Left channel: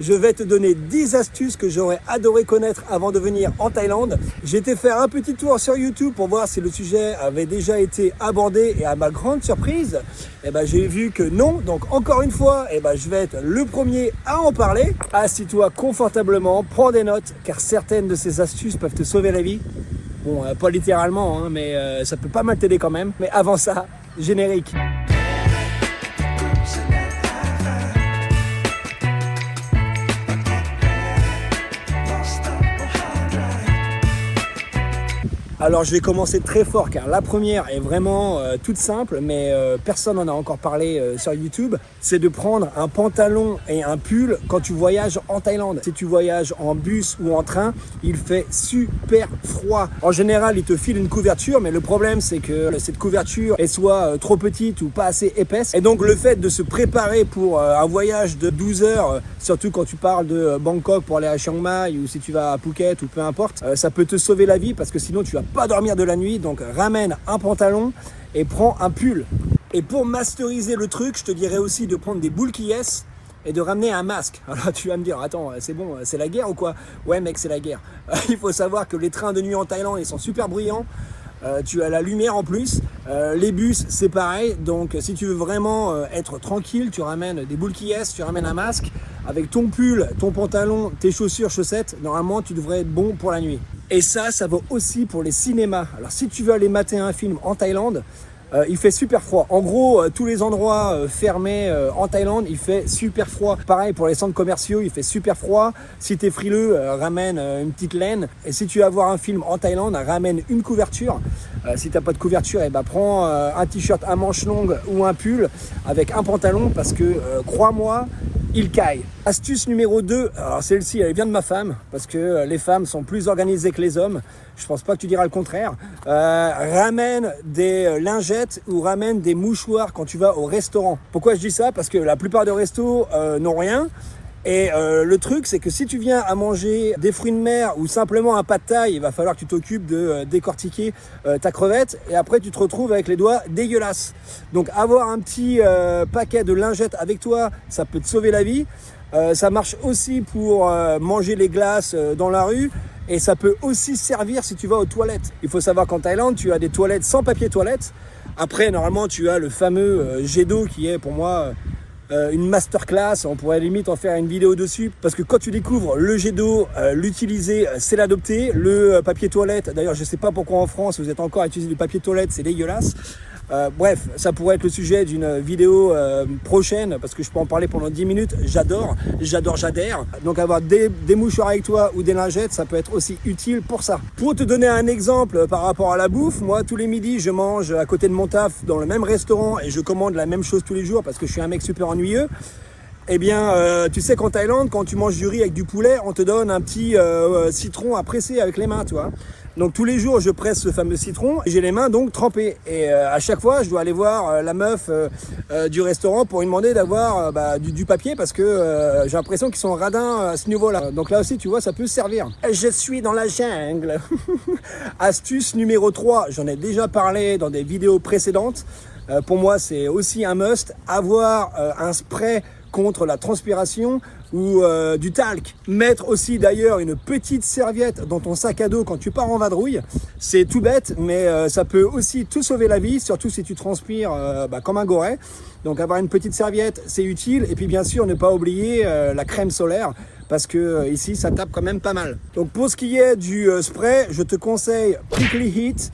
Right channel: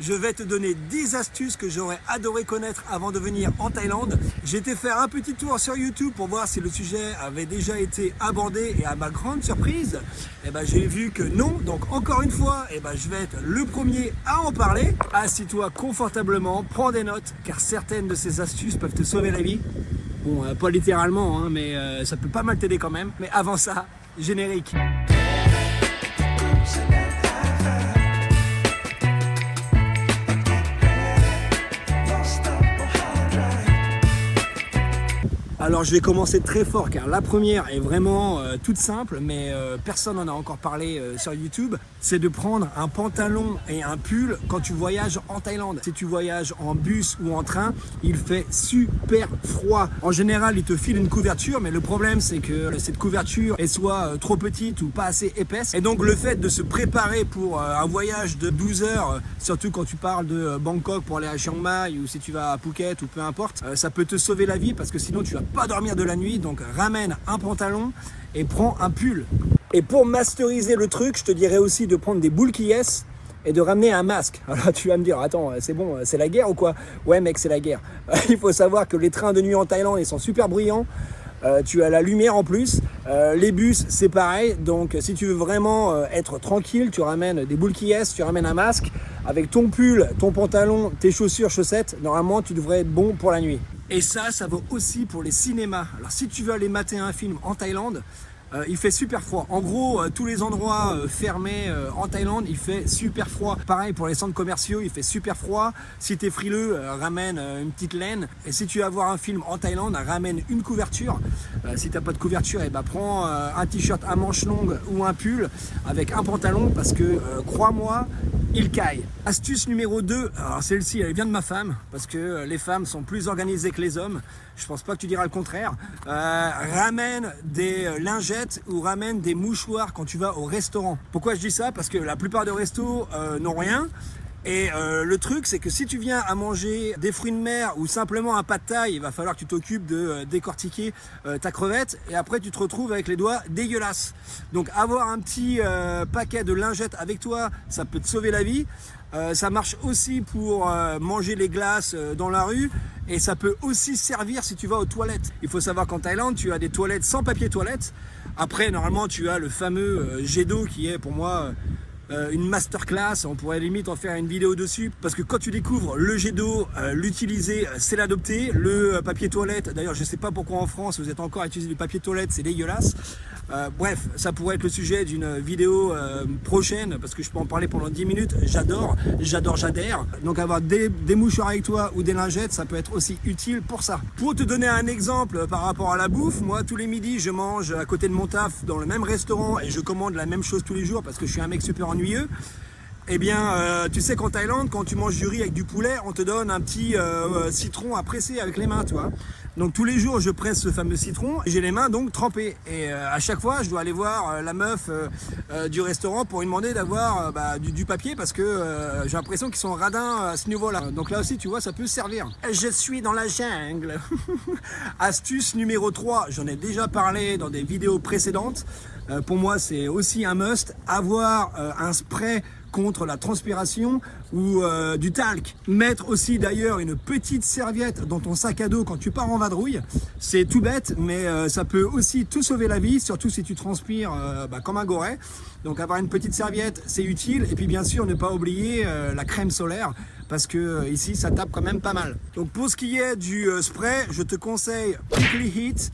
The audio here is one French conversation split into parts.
Je vais te donner 10 astuces que j'aurais adoré connaître avant de venir en Thaïlande. J'ai été faire un petit tour sur YouTube pour voir si le sujet avait déjà été abordé et à ma grande surprise, j'ai vu que non. Donc encore une fois, je vais être le premier à en parler. Assis-toi confortablement, prends des notes car certaines de ces astuces peuvent te sauver la vie. Bon, pas littéralement, hein, mais ça peut pas mal t'aider quand même. Mais avant ça, générique. Alors je vais commencer très fort car la première est vraiment toute simple mais personne n'en a encore parlé sur YouTube. C'est de prendre un pantalon et un pull quand tu voyages en Thaïlande. Si tu voyages en bus ou en train, il fait super froid. En général, il te file une couverture mais le problème c'est que cette couverture est soit trop petite ou pas assez épaisse. Et donc le fait de se préparer pour un voyage de 12 heures, surtout quand tu parles de Bangkok pour aller à Chiang Mai ou si tu vas à Phuket ou peu importe, ça peut te sauver la vie parce que sinon tu vas pas dormir de la nuit. Donc ramène un pantalon et prends un pull. Et pour masteriser le truc, je te dirais aussi de prendre des boules qui et de ramener un masque. Alors tu vas me dire, attends, c'est bon, c'est la guerre ou quoi? Ouais mec, c'est la guerre. Il faut savoir que les trains de nuit en Thaïlande, ils sont super bruyants. Tu as la lumière en plus, les bus c'est pareil, donc si tu veux vraiment être tranquille, tu ramènes des boules qui tu ramènes un masque, avec ton pull, ton pantalon, tes chaussures, chaussettes, normalement tu devrais être bon pour la nuit. Et ça vaut aussi pour les cinémas. Alors si tu veux aller mater un film en Thaïlande, il fait super froid. En gros, tous les endroits fermés en Thaïlande, il fait super froid. Pareil pour les centres commerciaux, il fait super froid. Si t'es frileux, ramène une petite laine. Et si tu vas voir un film en Thaïlande, ramène une couverture. Si t'as pas de couverture, prends un t-shirt à manches longues ou un pull avec un pantalon parce que crois-moi, il caille. Astuce numéro 2, alors celle-ci elle vient de ma femme parce que les femmes sont plus organisées que les hommes. Je pense pas que tu diras le contraire. Ramène des lingettes ou ramène des mouchoirs quand tu vas au restaurant. Pourquoi je dis ça? Parce que la plupart des restos n'ont rien. Et le truc c'est que si tu viens à manger des fruits de mer ou simplement un pad thaï, il va falloir que tu t'occupes de décortiquer ta crevette et après tu te retrouves avec les doigts dégueulasses. Donc avoir un petit paquet de lingettes avec toi, ça peut te sauver la vie. Ça marche aussi pour manger les glaces dans la rue et ça peut aussi servir si tu vas aux toilettes. Il faut savoir qu'en Thaïlande tu as des toilettes sans papier toilette. Après normalement tu as le fameux jet d'eau qui est pour moi une masterclass, on pourrait limite en faire une vidéo dessus parce que quand tu découvres le jet d'eau, l'utiliser c'est l'adopter. Le papier toilette, d'ailleurs je sais pas pourquoi en France vous êtes encore à utiliser du papier toilette, c'est dégueulasse. Bref, ça pourrait être le sujet d'une vidéo prochaine parce que je peux en parler pendant 10 minutes. J'adore. Donc avoir des mouchoirs avec toi ou des lingettes, ça peut être aussi utile pour ça. Pour te donner un exemple par rapport à la bouffe, moi tous les midis je mange à côté de mon taf dans le même restaurant et je commande la même chose tous les jours parce que je suis un mec super ennuyeux. Eh bien, tu sais qu'en Thaïlande, quand tu manges du riz avec du poulet, on te donne un petit citron à presser avec les mains, tu vois. Donc tous les jours, je presse ce fameux citron. J'ai les mains donc trempées. Et à chaque fois, je dois aller voir la meuf du restaurant pour lui demander d'avoir du papier parce que j'ai l'impression qu'ils sont radins à ce niveau-là. Donc là aussi, tu vois, ça peut servir. Je suis dans la jungle. Astuce numéro 3, j'en ai déjà parlé dans des vidéos précédentes. Pour moi, c'est aussi un must. Avoir un spray contre la transpiration ou du talc. Mettre aussi d'ailleurs une petite serviette dans ton sac à dos quand tu pars en vadrouille. C'est tout bête, mais ça peut aussi te sauver la vie, surtout si tu transpires comme un goret. Donc avoir une petite serviette, c'est utile. Et puis bien sûr, ne pas oublier la crème solaire parce que ici, ça tape quand même pas mal. Donc pour ce qui est du spray, je te conseille Prickly Heat.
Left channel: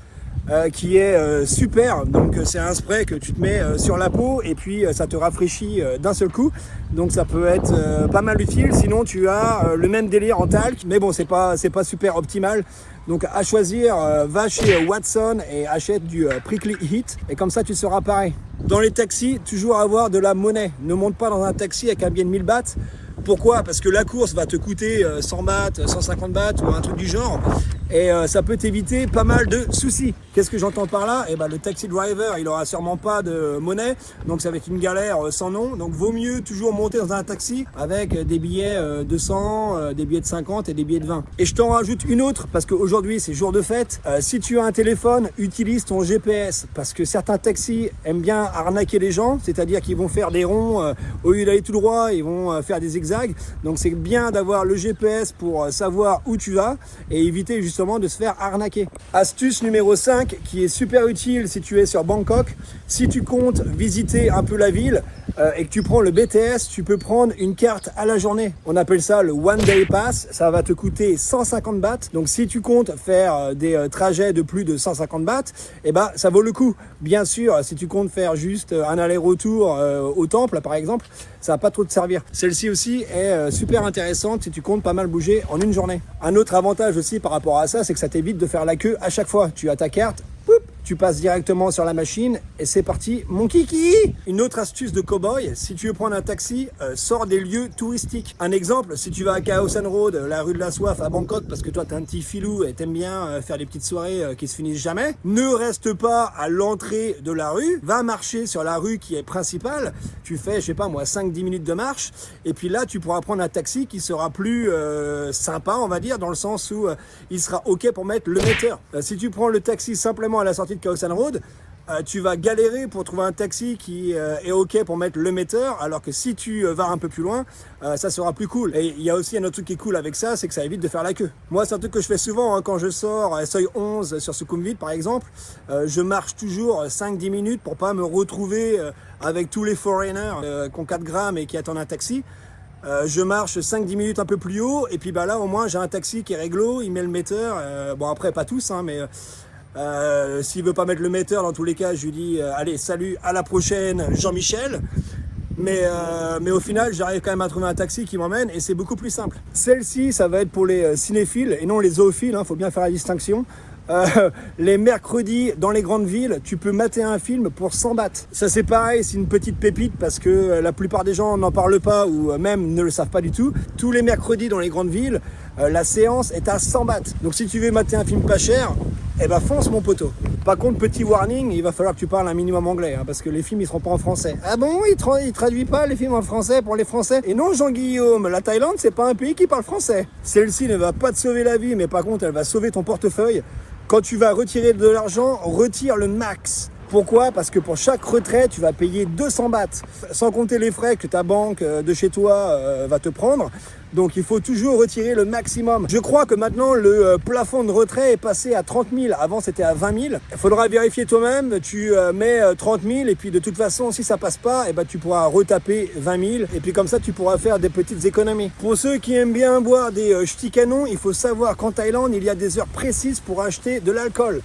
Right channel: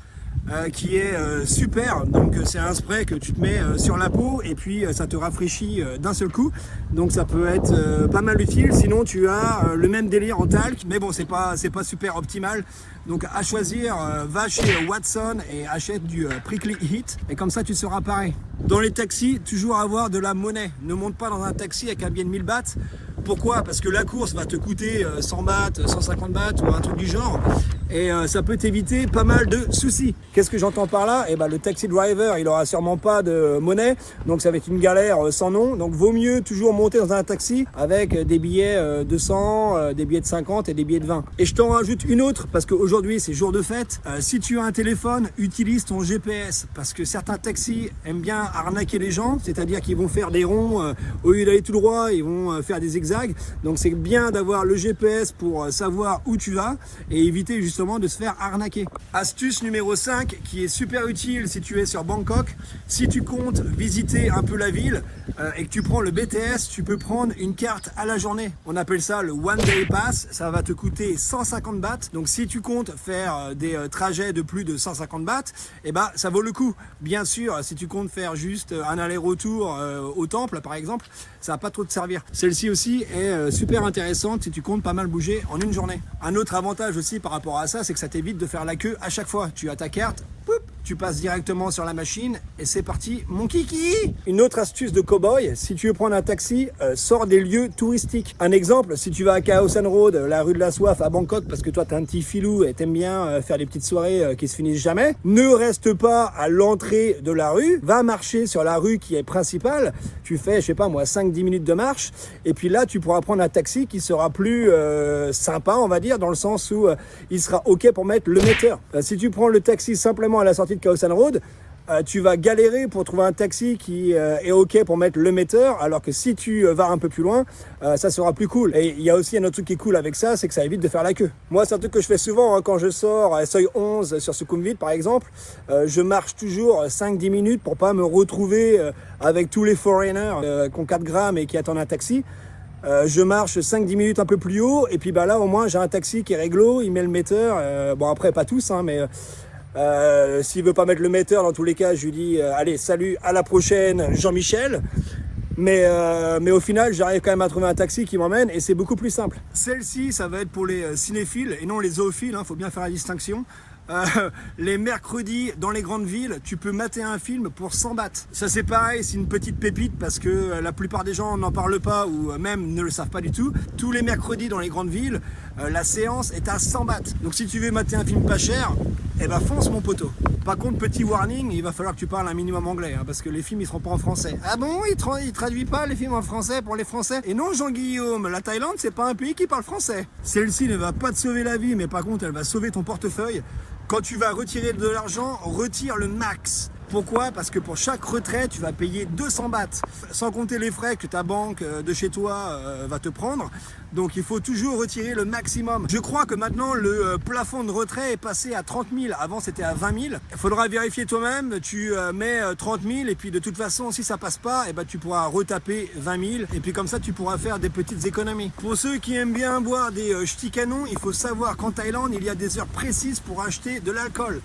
Qui est super. Donc c'est un spray que tu te mets sur la peau et puis ça te rafraîchit d'un seul coup. Donc ça peut être pas mal utile. Sinon tu as le même délire en talc, mais bon c'est pas super optimal. Donc à choisir, va chez Watson et achète du Prickly Heat et comme ça tu seras pareil. Dans les taxis, toujours avoir de la monnaie. Ne monte pas dans un taxi avec un billet de 1000 bahts. Pourquoi? Parce que la course va te coûter 100 bahts, 150 bahts ou un truc du genre et ça peut t'éviter pas mal de soucis. Qu'est-ce que j'entends par là? Le taxi driver, il aura sûrement pas de monnaie, donc ça va être une galère sans nom. Donc vaut mieux toujours monter dans un taxi avec des billets de 100, des billets de 50 et des billets de 20. Et je t'en rajoute une autre parce qu'aujourd'hui c'est jour de fête. Si tu as un téléphone, utilise ton GPS parce que certains taxis aiment bien arnaquer les gens, c'est-à-dire qu'ils vont faire des ronds au lieu d'aller tout droit, ils vont faire des zigzags. zigzag. Donc c'est bien d'avoir le GPS pour savoir où tu vas et éviter justement de se faire arnaquer. Astuce numéro 5 qui est super utile si tu es sur Bangkok. Si tu comptes visiter un peu la ville et que tu prends le BTS, tu peux prendre une carte à la journée. On appelle ça le One Day Pass. Ça va te coûter 150 bahts. Donc si tu comptes faire des trajets de plus de 150 bahts, eh ben ça vaut le coup. Bien sûr, si tu comptes faire juste un aller-retour au temple par exemple, ça va pas trop te servir. Celle-ci aussi est super intéressante si tu comptes pas mal bouger en une journée. Un autre avantage aussi par rapport à ça, c'est que ça t'évite de faire la queue à chaque fois. Tu as ta carte, poup, tu passes directement sur la machine et c'est parti, mon kiki. Une autre astuce de cow-boy, si tu veux prendre un taxi, sors des lieux touristiques. Un exemple, si tu vas à Khao San Road, la rue de la soif à Bangkok, parce que toi t'es un petit filou et t'aimes bien faire des petites soirées qui se finissent jamais, ne reste pas à l'entrée de la rue, va marcher sur la rue qui est principale. Tu fais, je sais pas moi, 5-10 minutes de marche et puis là tu pourras prendre un taxi qui sera plus sympa, on va dire, dans le sens où il sera ok pour mettre le metteur. Si tu prends le taxi simplement à la sortie de Khao San Road, tu vas galérer pour trouver un taxi qui est ok pour mettre le metteur, alors que si tu vas un peu plus loin, ça sera plus cool. Et il y a aussi un autre truc qui est cool avec ça, c'est que ça évite de faire la queue. Moi, c'est un truc que je fais souvent quand je sors à Soi 11 sur Sukhumvit par exemple. Je marche toujours 5-10 minutes pour pas me retrouver avec tous les foreigners qui ont 4 grammes et qui attendent un taxi. Je marche 5-10 minutes un peu plus haut et puis bah là au moins j'ai un taxi qui est réglo, il met le metteur. Bon après pas tous hein, mais s'il veut pas mettre le metteur, dans tous les cas, je lui dis allez, salut, à la prochaine, Jean-Michel. Mais au final, j'arrive quand même à trouver un taxi qui m'emmène et c'est beaucoup plus simple. Celle-ci, ça va être pour les cinéphiles et non les zoophiles, hein, faut bien faire la distinction. Les mercredis dans les grandes villes, tu peux mater un film pour 100 bahts. Ça c'est pareil, c'est une petite pépite parce que la plupart des gens n'en parlent pas ou même ne le savent pas du tout. Tous les mercredis dans les grandes villes, la séance est à 100 bahts. Donc si tu veux mater un film pas cher, eh ben fonce mon poteau. Par contre, petit warning, il va falloir que tu parles un minimum anglais hein, parce que les films ils seront pas en français. Ah bon, il traduit pas les films en français pour les Français? Et non Jean-Guillaume, la Thaïlande c'est pas un pays qui parle français. Celle-ci ne va pas te sauver la vie, mais par contre elle va sauver ton portefeuille. Quand tu vas retirer de l'argent, retire le max. Pourquoi? Parce que pour chaque retrait, tu vas payer 200 bahts, sans compter les frais que ta banque de chez toi va te prendre. Donc il faut toujours retirer le maximum. Je crois que maintenant le plafond de retrait est passé à 30 000. Avant c'était à 20 000. Il faudra vérifier toi-même. Tu mets 30 000 et puis de toute façon si ça passe pas, eh ben, tu pourras retaper 20 000. Et puis comme ça tu pourras faire des petites économies. Pour ceux qui aiment bien boire des ch'tis canons, il faut savoir qu'en Thaïlande il y a des heures précises pour acheter de l'alcool.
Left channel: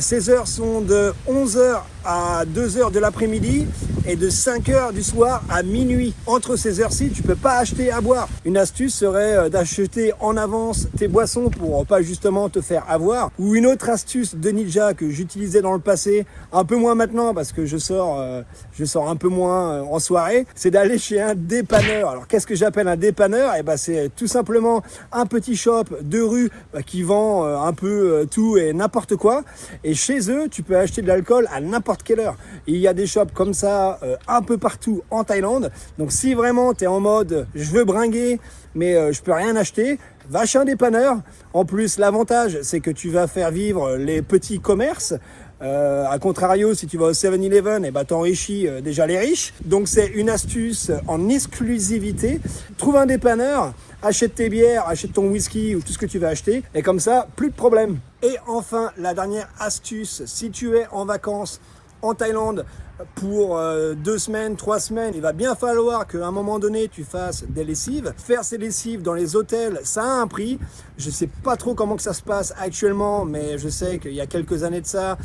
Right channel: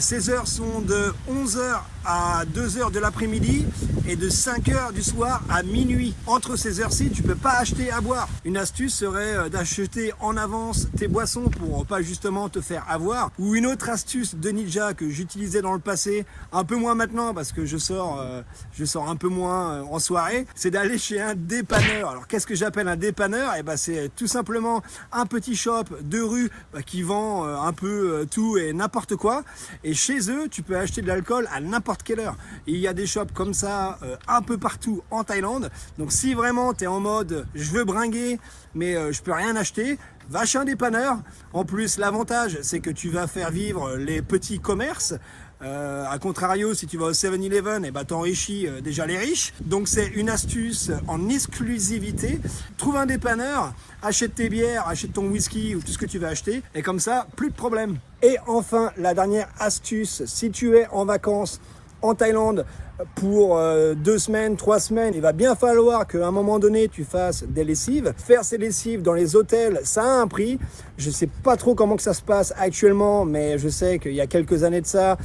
Ces heures sont de 11h à 2h de l'après-midi et de 5h du soir à minuit. Entre ces heures-ci, tu peux pas acheter à boire. Une astuce serait d'acheter en avance tes boissons pour pas justement te faire avoir. Ou une autre astuce de ninja que j'utilisais dans le passé, un peu moins maintenant parce que je sors un peu moins en soirée, c'est d'aller chez un dépanneur. Alors qu'est-ce que j'appelle un dépanneur? Eh ben c'est tout simplement un petit shop de rue qui vend un peu tout et n'importe quoi. Et chez eux, tu peux acheter de l'alcool à n'importe quelle heure. Il y a des shops comme ça un peu partout en Thaïlande. Donc si vraiment tu es en mode je veux bringuer mais je peux rien acheter, va chez un dépanneur. En plus, l'avantage, c'est que tu vas faire vivre les petits commerces. A contrario, si tu vas au 7-Eleven, eh ben, t'enrichis déjà les riches. Donc c'est une astuce en exclusivité. Trouve un dépanneur, achète tes bières, achète ton whisky ou tout ce que tu vas acheter. Et comme ça, plus de problème. Et enfin, la dernière astuce, si tu es en vacances en Thaïlande pour 2 semaines, 3 semaines, il va bien falloir qu'à un moment donné tu fasses des lessives. Faire ces lessives dans les hôtels, ça a un prix. Je sais pas trop comment que ça se passe actuellement, mais je sais qu'il y a quelques années de ça,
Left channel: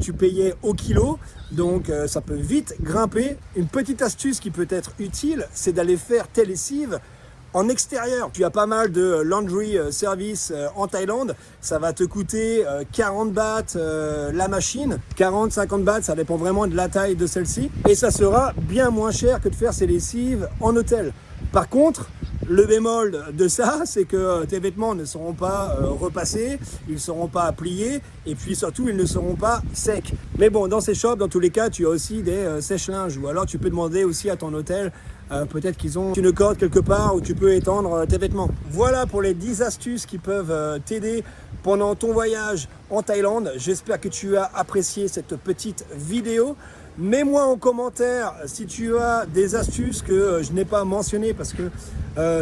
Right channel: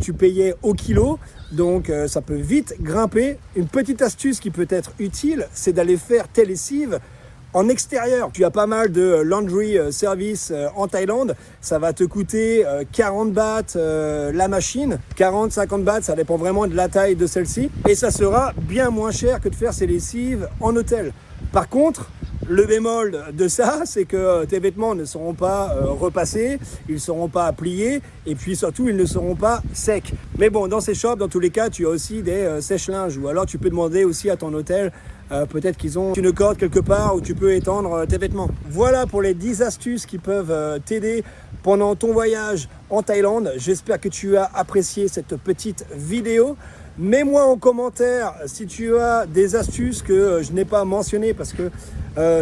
tu payais au kilo. Donc ça peut vite grimper. Une petite astuce qui peut être utile, c'est d'aller faire tes lessives en extérieur. Tu as pas mal de laundry service en Thaïlande. Ça va te coûter 40 bahts la machine. 40-50 bahts, ça dépend vraiment de la taille de celle-ci. Et ça sera bien moins cher que de faire ces lessives en hôtel. Par contre, le bémol de ça, c'est que tes vêtements ne seront pas repassés, ils ne seront pas pliés et puis surtout, ils ne seront pas secs. Mais bon, dans ces shops, dans tous les cas, tu as aussi des sèche-linges ou alors tu peux demander aussi à ton hôtel peut-être qu'ils ont une corde quelque part où tu peux étendre tes vêtements. Voilà pour les 10 astuces qui peuvent t'aider pendant ton voyage en Thaïlande. J'espère que tu as apprécié cette petite vidéo. Mets-moi en commentaire si tu as des astuces que je n'ai pas mentionnées parce que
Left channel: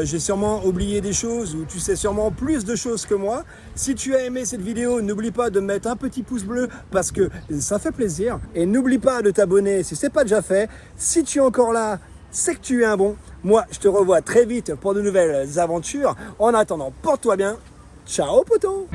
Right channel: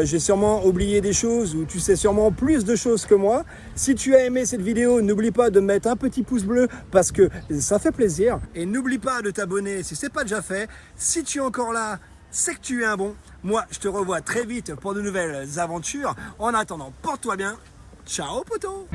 j'ai sûrement oublié des choses ou tu sais sûrement plus de choses que moi. Si tu as aimé cette vidéo, n'oublie pas de mettre un petit pouce bleu parce que ça fait plaisir. Et n'oublie pas de t'abonner si ce n'est pas déjà fait. Si tu es encore là, c'est que tu es un bon. Moi, je te revois très vite pour de nouvelles aventures. En attendant, porte-toi bien. Ciao, poteau!